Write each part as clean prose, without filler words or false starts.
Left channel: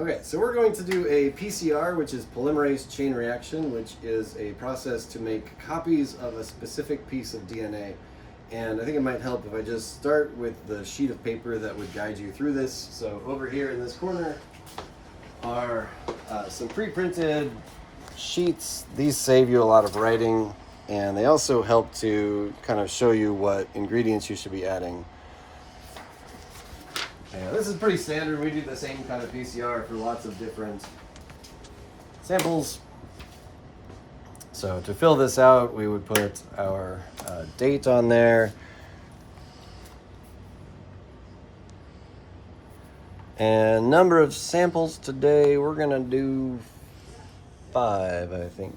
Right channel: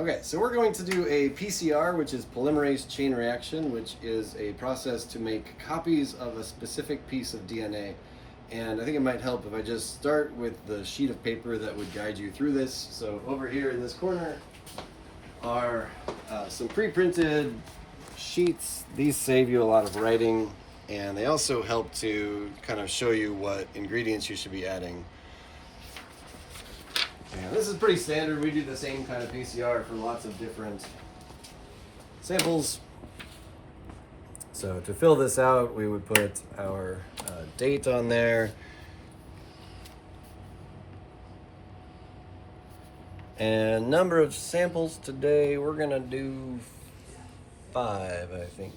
Okay, so we're going to do a PCR, which is polymerase chain reaction, which is a process to make copies of a specific piece of DNA. And I think it might help if I just start with the sheet of paper that would guide you through this. So over here in this corner are some pre-printed sheets. These save you a lot of writing, and they also help to kind of show you what ingredients you should be adding. Yeah, this is pretty standard. We do the same kind of PCR for lots of different samples. So to fill this out, we would put our date on there. And number of samples today, we're gonna do 5, I think.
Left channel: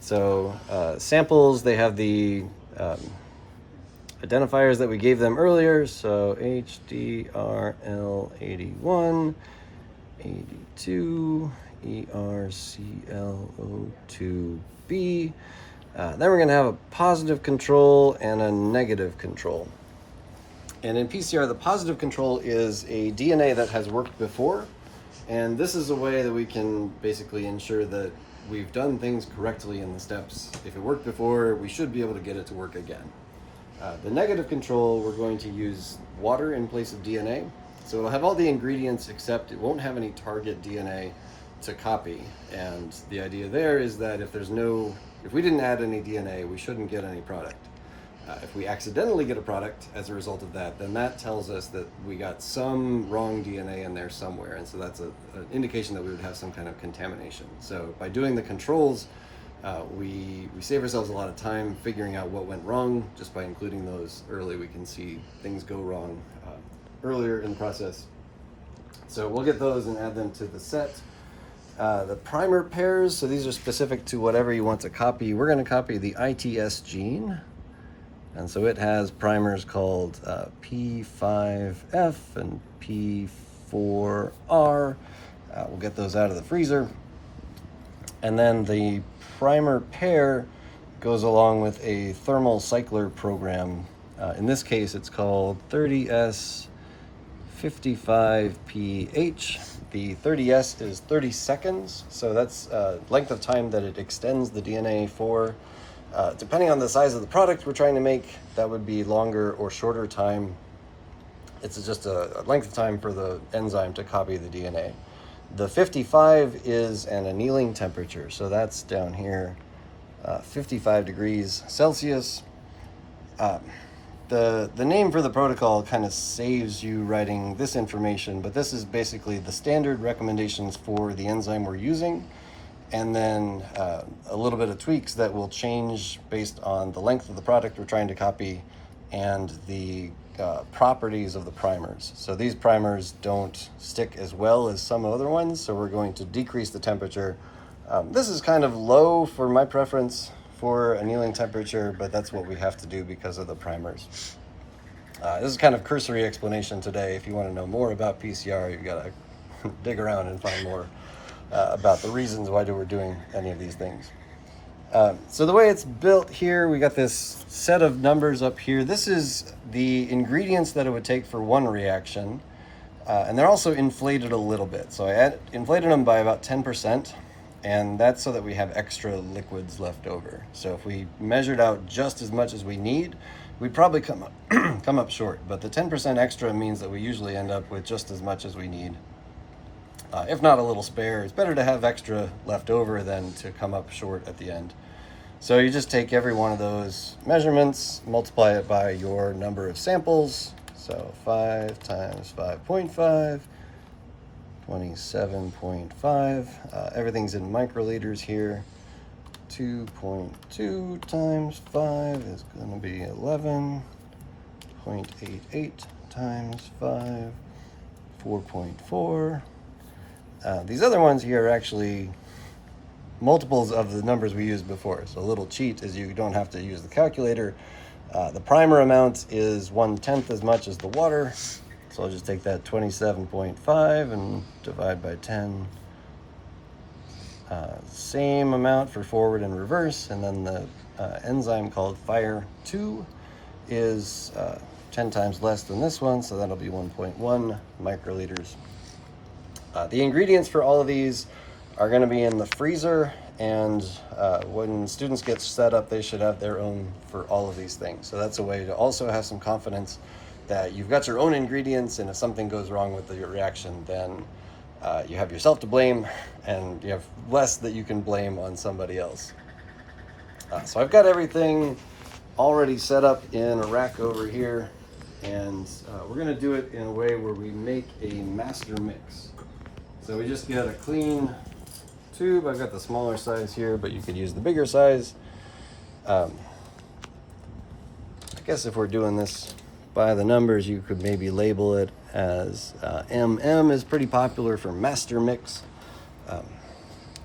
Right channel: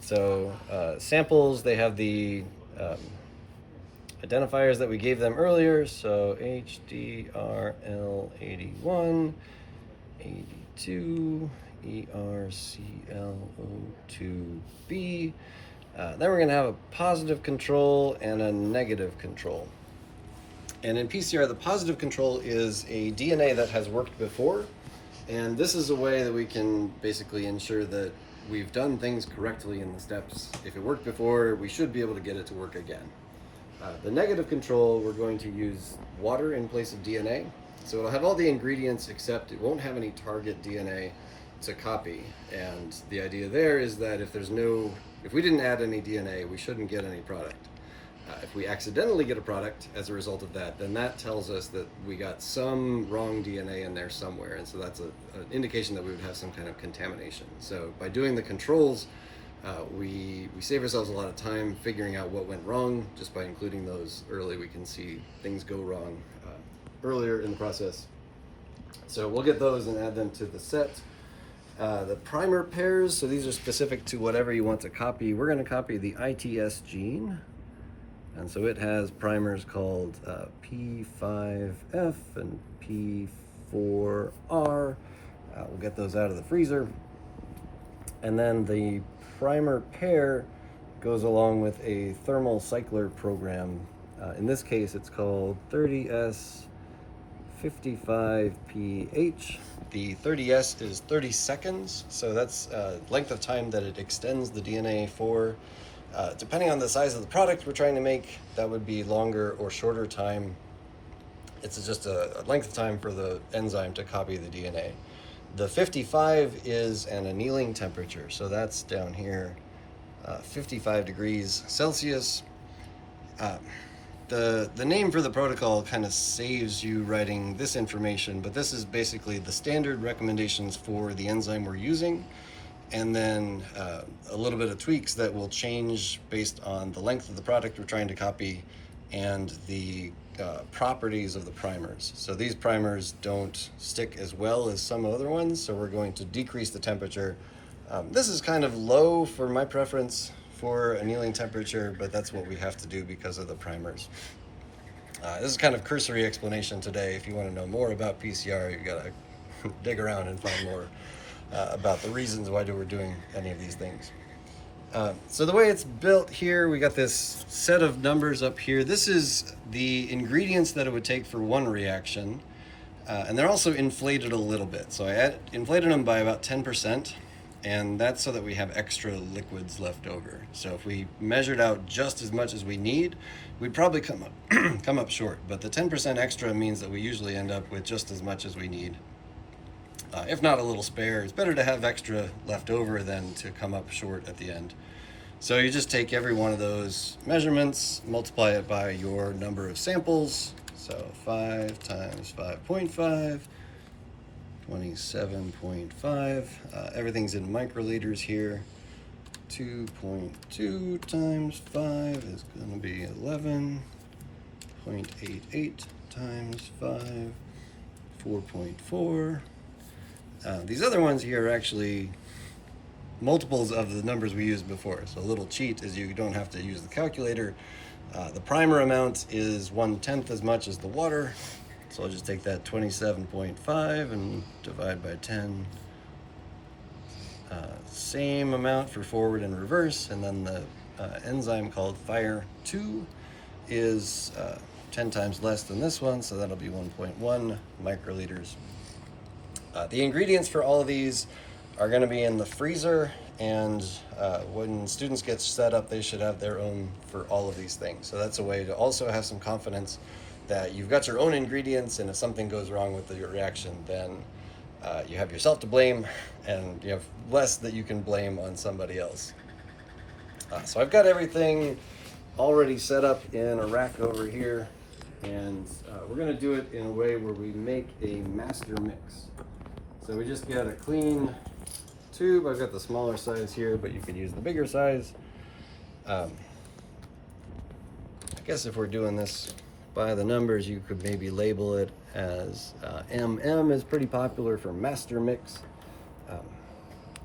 So samples, they have the identifiers that we gave them earlier. So HDRL 81, 82, ERCLO2B. Then we're going to have a positive control and a negative control. And in PCR, the positive control is a DNA that has worked before. And this is a way that we can basically ensure that we've done things correctly in the steps. If it worked before, we should be able to get it to work again. The negative control, we're going to use water in place of DNA. So it'll have all the ingredients except it won't have any target DNA to copy. And the idea there is that if we didn't add any DNA, we shouldn't get any product. If we accidentally get a product as a result of that, then that tells us that we got some wrong DNA in there somewhere. And so that's an indication that we would have some kind of contamination. So by doing the controls, we save ourselves a lot of time figuring out what went wrong. Just by including those early, we can see things go wrong earlier in the process. So we'll get those and add them to the set. The primer pairs, so these are specific to whatever you want to copy. We're going to copy the ITS gene. And so it has primers called P5F and P4R. We'll get those out of the freezer. And then the primer pair goes along with a thermal cycler program. In this case, it's called 30S55PH. The 30S is 30 seconds, so that's length of time that it extends the DNA for. Depending on the size of the product we're trying to make, that would be longer or shorter time. It's just a length of time for the enzyme to copy the DNA. The 55 is an annealing temperature, so that's down here, 55 degrees Celsius. The name for the protocol kind of saves you writing this information, but this is basically the standard recommendations for the enzyme we're using, and then a little bit of tweaks that will change based on the length of the product we're trying to copy and the properties of the primers. So these primers don't stick as well as some other ones, so we're going to decrease the temperature. This is kind of low for my preference for annealing temperature, but that's what we have to do because of the primers. This is kind of cursory explanation today. If you want to know more about PCR, you've got to dig around and find more about the reasons why we're doing any of these things. So the way it's built here, we got this set of numbers up here. This is the ingredients that it would take for one reaction, and they're also inflated a little bit. So I inflated them by about 10%, and that's so that we have extra liquids left over. So if we measured out just as much as we need, we'd probably come up short. But the 10% extra means that we usually end up with just as much as we need. If not a little spare. It's better to have extra left over than to come up short at the end. So you just take every one of those measurements, multiply it by your number of samples. So 5 times 5.5, 27.5. Everything's in microliters here. 2.2 times 5 is going to be 11.88 times 5, 4.4. These other ones here are actually multiples of the numbers we used before. So a little cheat is you don't have to use the calculator. The primer amount is 1/10 as much as the water. So I'll just take that 27.5 and divide by 10. Same amount for forward and reverse. And then the enzyme called Fire2 is 10 times less than this one, so that'll be 1.1 microliters. The ingredients for all of these are going to be in the freezer, and when students get set up, they should have their own for all of these things. So that's a way to also have some confidence that you've got your own ingredients, and if something goes wrong with your reaction, then you have yourself to blame, and you have less that you can blame on somebody else. So I've got everything already set up in a rack over here, and we're going to do it in a way where we make a master mix. So we just get a clean tube. I've got the smaller size here, but you could use the bigger size. I guess if we're doing this by the numbers, you could maybe label it as MM is pretty popular for master mix.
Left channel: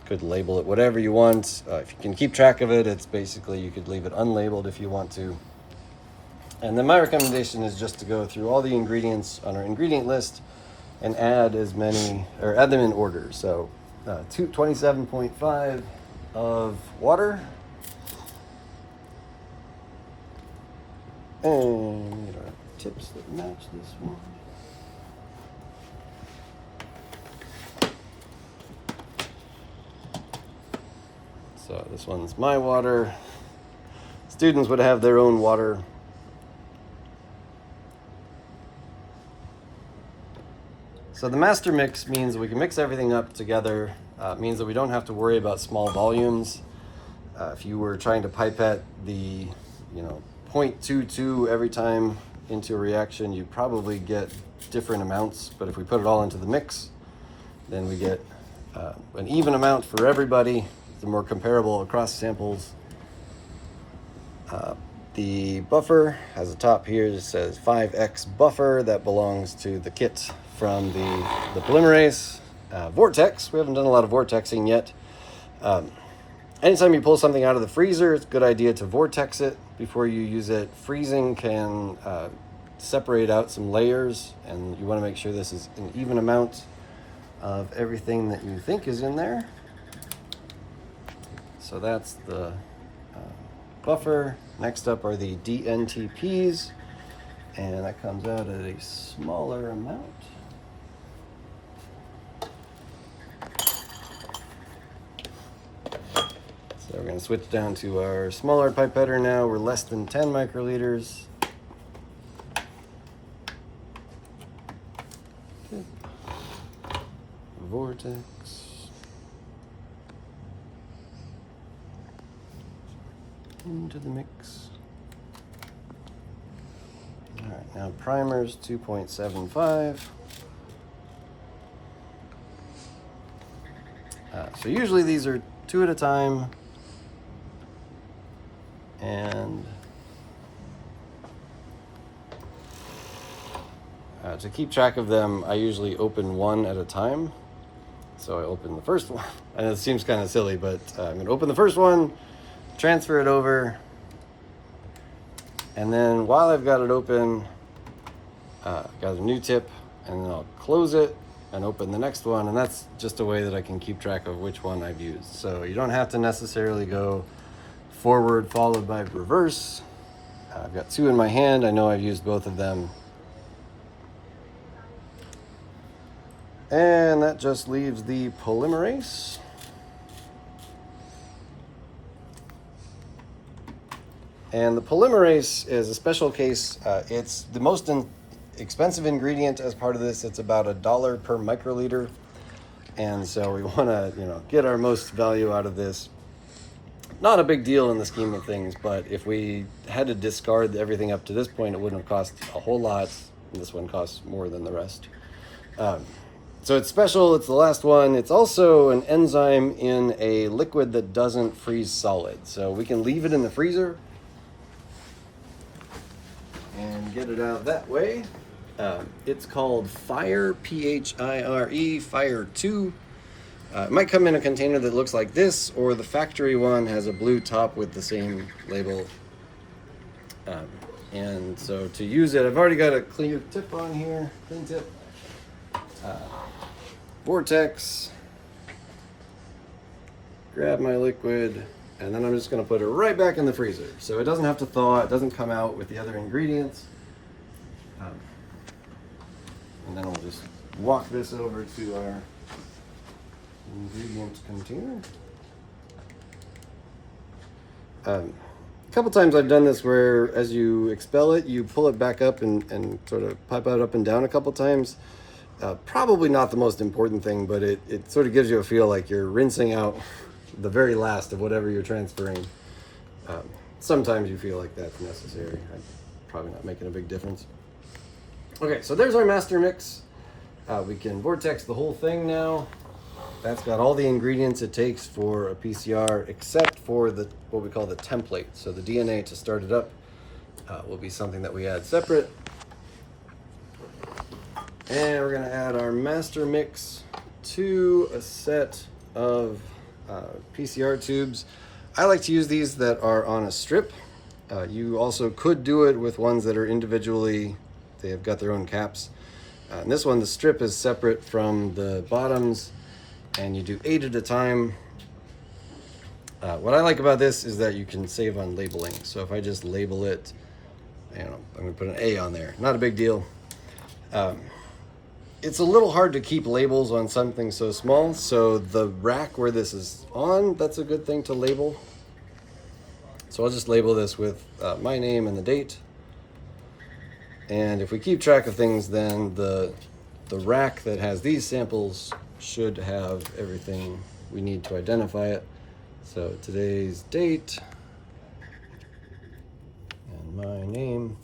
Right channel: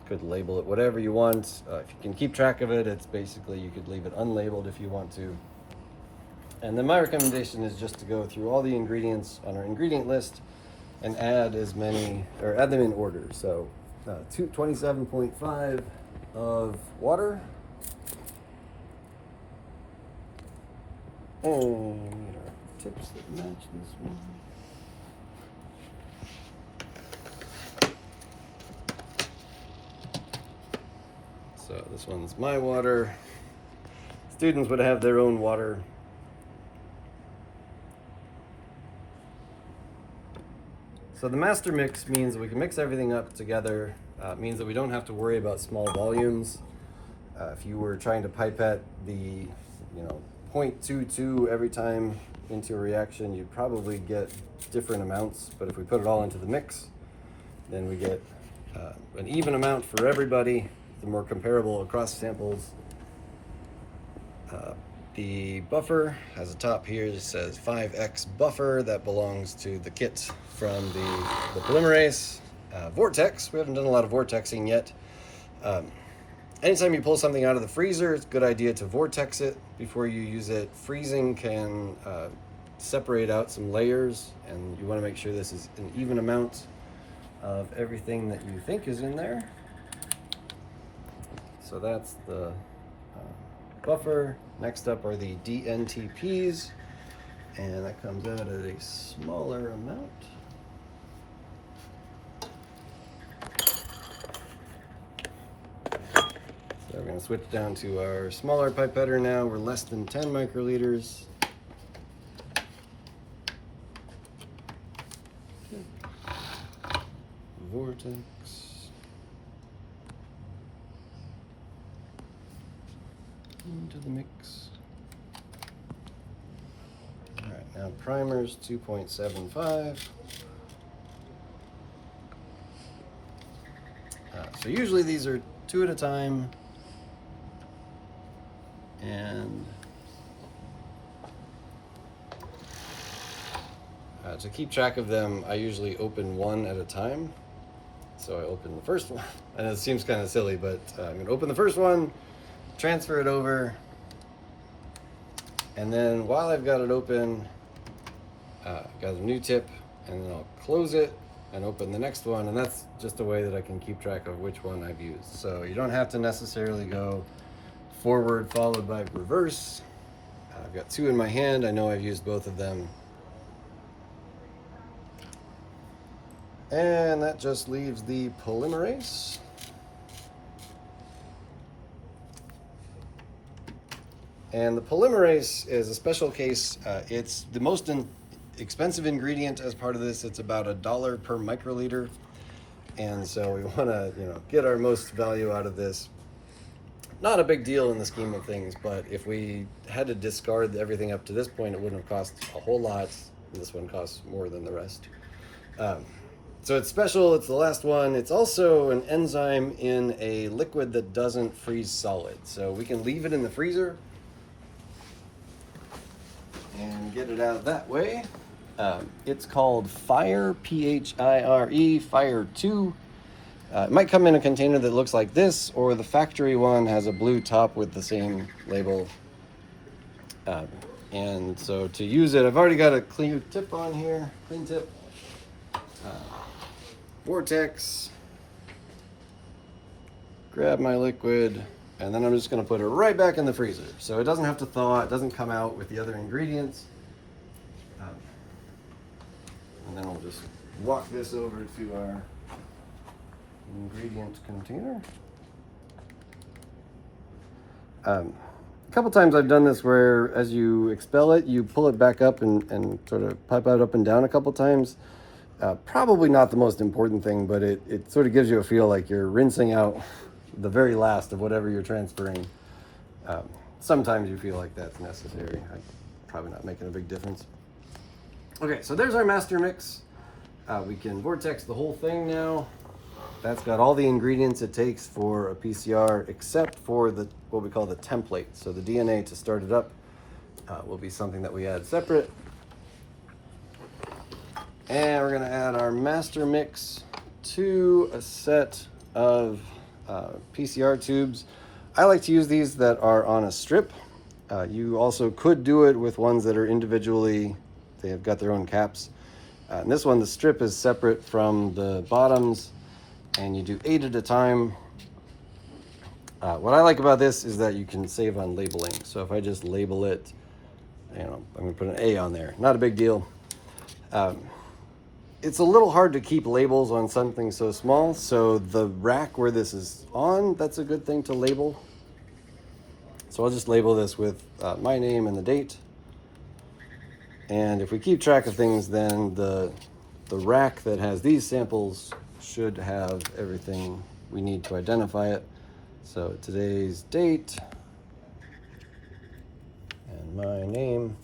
Could label it whatever you want. If you can keep track of it, it's basically, you could leave it unlabeled if you want to. And then my recommendation is just to go through all the ingredients on our ingredient list and add as many, or add them in order. So 27.5 of water, and we get our tips that match this one. So this one's my water. Students would have their own water. So the master mix means we can mix everything up together. It means that we don't have to worry about small volumes. If you were trying to pipette the 0.22 every time into a reaction, you'd probably get different amounts. But if we put it all into the mix, then we get an even amount for everybody. The more comparable across samples. The buffer has a top here that says 5x buffer. That belongs to the kit from the polymerase. Vortex, we haven't done a lot of vortexing yet. Anytime you pull something out of the freezer, it's a good idea to vortex it before you use it. Freezing can separate out some layers, and you want to make sure this is an even amount of everything that you think is in there. So that's the buffer. Next up are the DNTPs, and that comes out at a smaller amount. So we're going to switch down to our smaller pipetter now. We're less than 10 microliters. Vortex. Into the mix. All right, now primers 2.75. So usually these are 2 at a time, and to keep track of them, I usually open one at a time. So I open the first one. I know it seems kind of silly, but I'm going to open the first one, transfer it over, and then while I've got it open, got a new tip, and then I'll close it and open the next one, and that's just a way that I can keep track of which one I've used. So you don't have to necessarily go forward followed by reverse. I've got 2 in my hand. I know I've used both of them. And that just leaves the polymerase. And the polymerase is a special case. It's the most expensive ingredient as part of this. It's about $1 per microliter. And so we want to, get our most value out of this. Not a big deal in the scheme of things, but if we had to discard everything up to this point, it wouldn't have cost a whole lot. This one costs more than the rest. So it's special. It's the last one. It's also an enzyme in a liquid that doesn't freeze solid. So we can leave it in the freezer and get it out that way. It's called Fire, P-H-I-R-E, Fire 2. It might come in a container that looks like this, or the factory one has a blue top with the same label. And so to use it, I've already got a clear tip on here, clean tip. Vortex. Grab my liquid, and then I'm just going to put it right back in the freezer. So it doesn't have to thaw, it doesn't come out with the other ingredients. And then we'll just walk this over to our ingredient container. A couple times I've done this where as you expel it, you pull it back up and sort of pipe it up and down a couple times. Probably not the most important thing, but it sort of gives you a feel like you're rinsing out the very last of whatever you're transferring. Sometimes you feel like that's necessary. I'm probably not making a big difference. Okay, so there's our master mix. We can vortex the whole thing now. That's got all the ingredients it takes for a PCR, except for what we call the template. So the DNA to start it up will be something that we add separate. And we're gonna add our master mix to a set of PCR tubes. I like to use these that are on a strip. You also could do it with ones that are individually, they have got their own caps. And this one, the strip is separate from the bottoms, and you do 8 at a time. What I like about this is that you can save on labeling. So if I just label it, I'm gonna put an A on there, not a big deal. It's a little hard to keep labels on something so small, so the rack where this is on, that's a good thing to label. So I'll just label this with my name and the date. And if we keep track of things, then the rack that has these samples should have everything we need to identify it. So today's date and my name.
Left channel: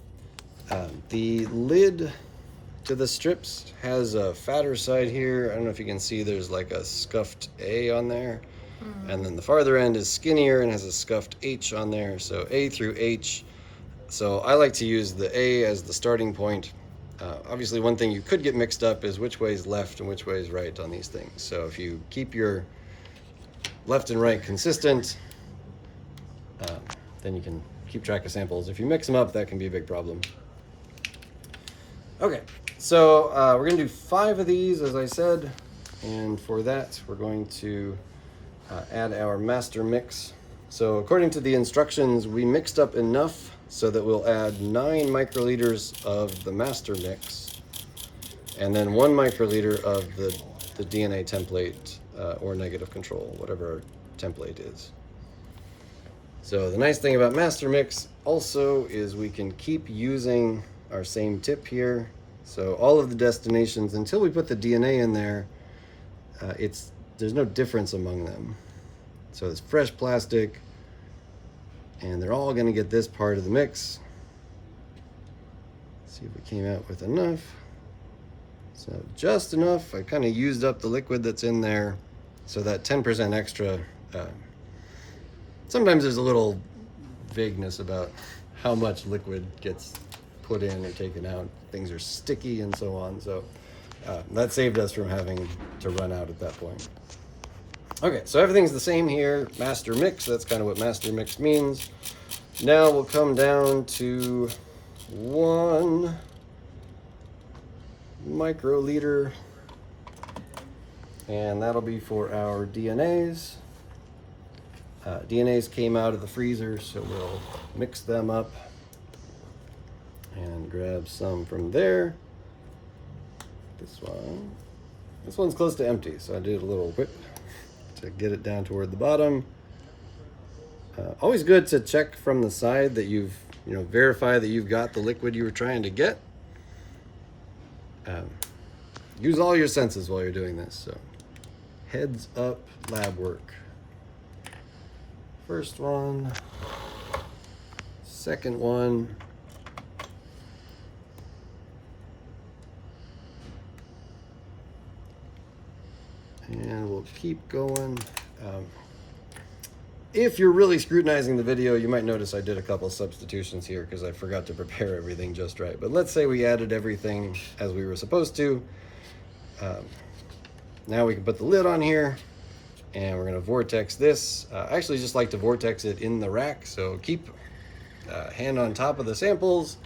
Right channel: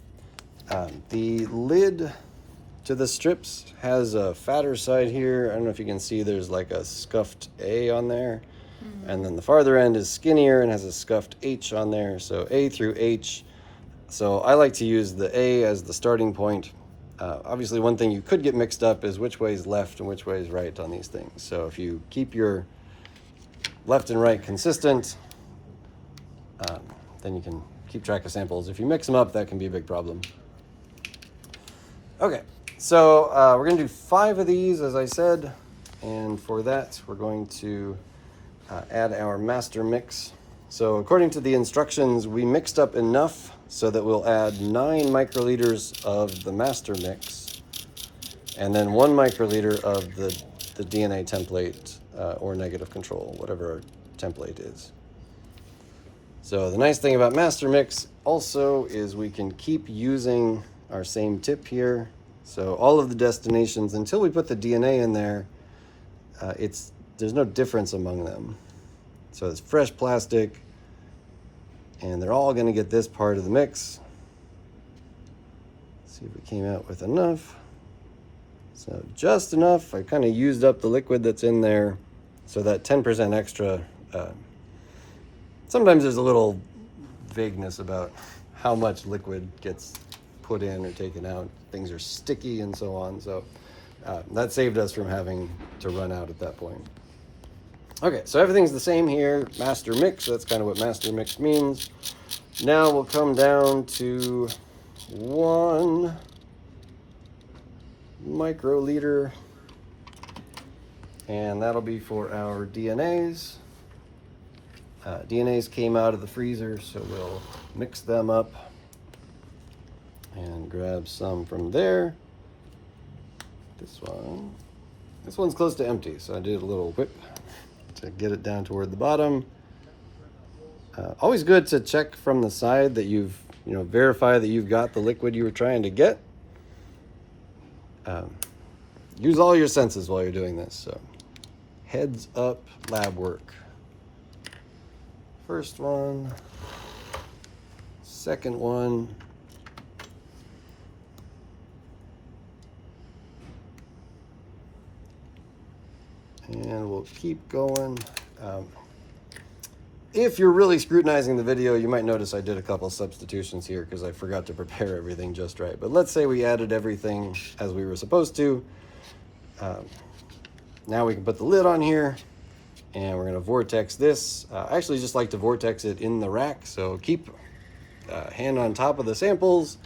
The lid to the strips has a fatter side here. I don't know if you can see, there's like a scuffed A on there. And then the farther end is skinnier and has a scuffed H on there. So A through H. So I like to use the A as the starting point. Obviously, one thing you could get mixed up is which way is left and which way is right on these things. So if you keep your left and right consistent, then you can keep track of samples. If you mix them up, that can be a big problem. Okay, so we're gonna do 5 of these, as I said. And for that, we're going to add our master mix. So according to the instructions, we mixed up enough so that we'll add 9 microliters of the master mix, and then 1 microliter of the DNA template or negative control, whatever our template is. So the nice thing about master mix also is we can keep using our same tip here. So all of the destinations, until we put the DNA in there, there's no difference among them. So it's fresh plastic, and they're all gonna get this part of the mix. Let's see if we came out with enough. So just enough. I kind of used up the liquid that's in there, so that 10% extra. Sometimes there's a little vagueness about how much liquid gets put in or taken out. Things are sticky and so on. So that saved us from having to run out at that point. Okay, so everything's the same here. Master mix, that's kind of what master mix means. Now we'll come down to 1 microliter, and that'll be for our DNAs. DNAs came out of the freezer, so we'll mix them up and grab some from there. This one's close to empty, so I did a little whip to get it down toward the bottom. Always good to check from the side that verify that you've got the liquid you were trying to get. Use all your senses while you're doing this. So heads up lab work. First one, second one. And we'll keep going. If you're really scrutinizing the video, you might notice I did a couple substitutions here because I forgot to prepare everything just right. But let's say we added everything as we were supposed to. Now we can put the lid on here, and we're gonna vortex this. I actually just like to vortex it in the rack, so keep hand on top of the samples,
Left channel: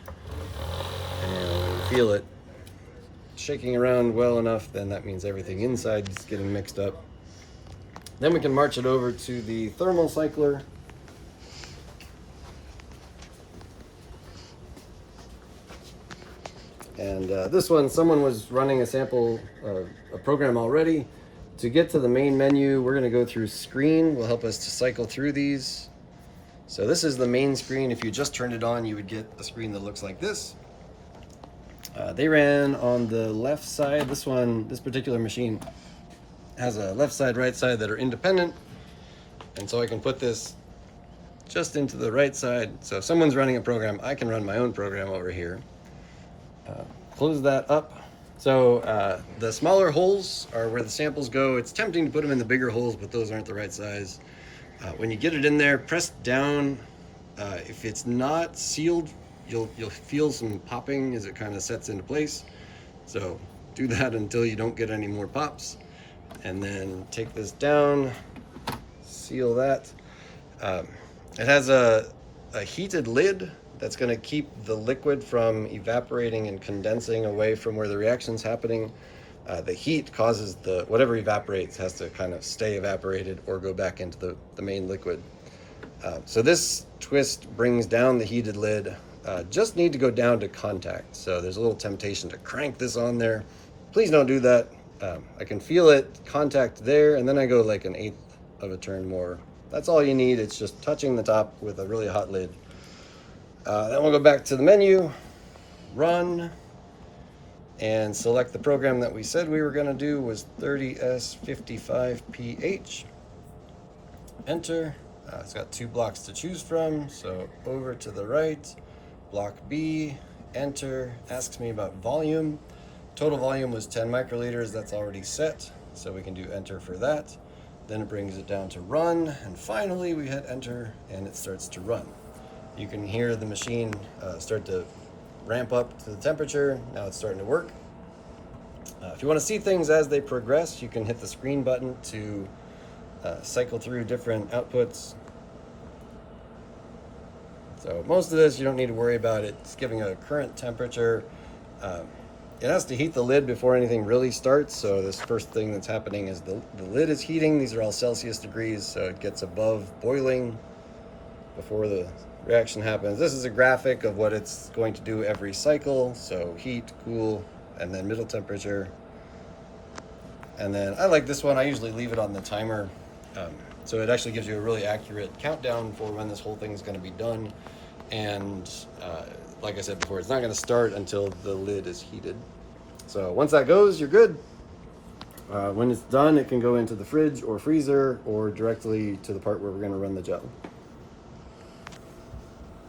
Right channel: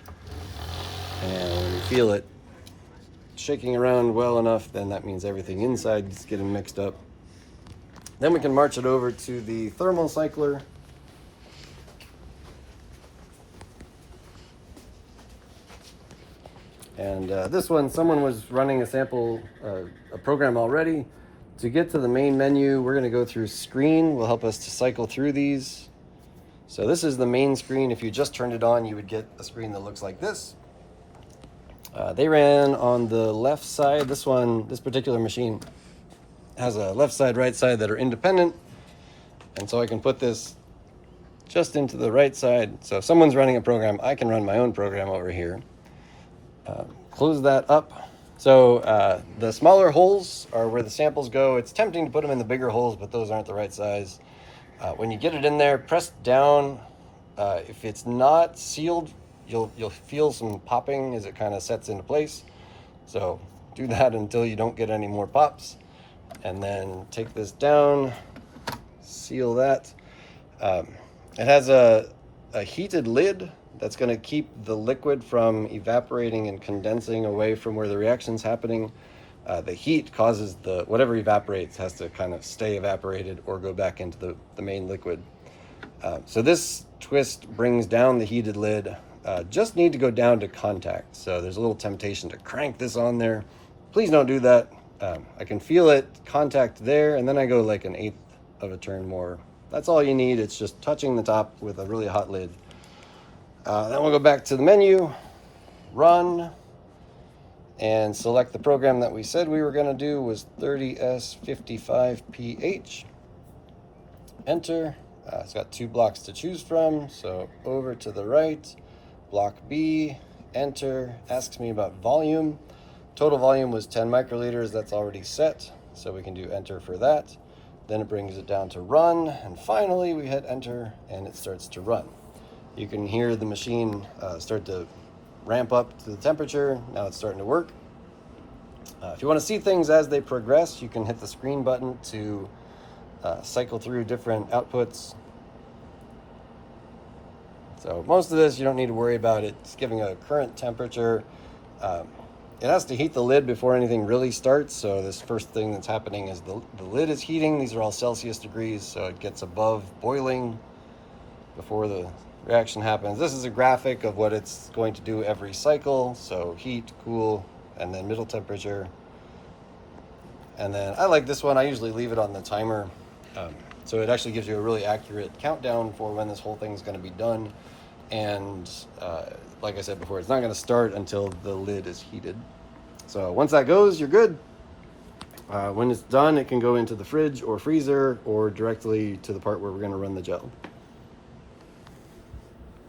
and when you feel it shaking around well enough, then that means everything inside is getting mixed up. Then we can march it over to the thermal cycler. And this one, someone was running a sample, a program already. To get to the main menu, we're going to go through screen. Will help us to cycle through these. So this is the main screen. If you just turned it on, you would get a screen that looks like this. They ran on the left side. This particular machine has a left side, right side that are independent. And so I can put this just into the right side. So if someone's running a program, I can run my own program over here. Close that up. So the smaller holes are where the samples go. It's tempting to put them in the bigger holes, but those aren't the right size. When you get it in there, press down. If it's not sealed, you'll feel some popping as it kind of sets into place. So do that until you don't get any more pops. And then take this down, seal that. It has a heated lid that's going to keep the liquid from evaporating and condensing away from where the reaction's happening. The heat causes whatever evaporates has to kind of stay evaporated or go back into the main liquid. So this twist brings down the heated lid. Just need to go down to contact. So there's a little temptation to crank this on there. Please don't do that. I can feel it contact there, and then I go like 1/8 of a turn more. That's all you need. It's just touching the top with a really hot lid. Then we'll go back to the menu, run, and select the program that we said we were going to do was 30S55PH. Enter. It's got 2 blocks to choose from, so over to the right, block B, enter, asks me about volume. Total volume was 10 microliters, that's already set, so we can do enter for that. Then it brings it down to run, and finally we hit enter and it starts to run. You can hear the machine start to ramp up to the temperature. Now it's starting to work. If you want to see things as they progress, you can hit the screen button to cycle through different outputs. So most of this you don't need to worry about. It's giving a current temperature. It has to heat the lid before anything really starts, so this first thing that's happening is the lid is heating. These are all Celsius degrees, so it gets above boiling before the reaction happens. This is a graphic of what it's going to do every cycle, so heat, cool, and then middle temperature. And then I like this one. I usually leave it on the timer, so it actually gives you a really accurate countdown for when this whole thing's going to be done. And like I said before, it's not going to start until the lid is heated. So once that goes, you're good. When it's done, it can go into the fridge or freezer or directly to the part where we're going to run the gel.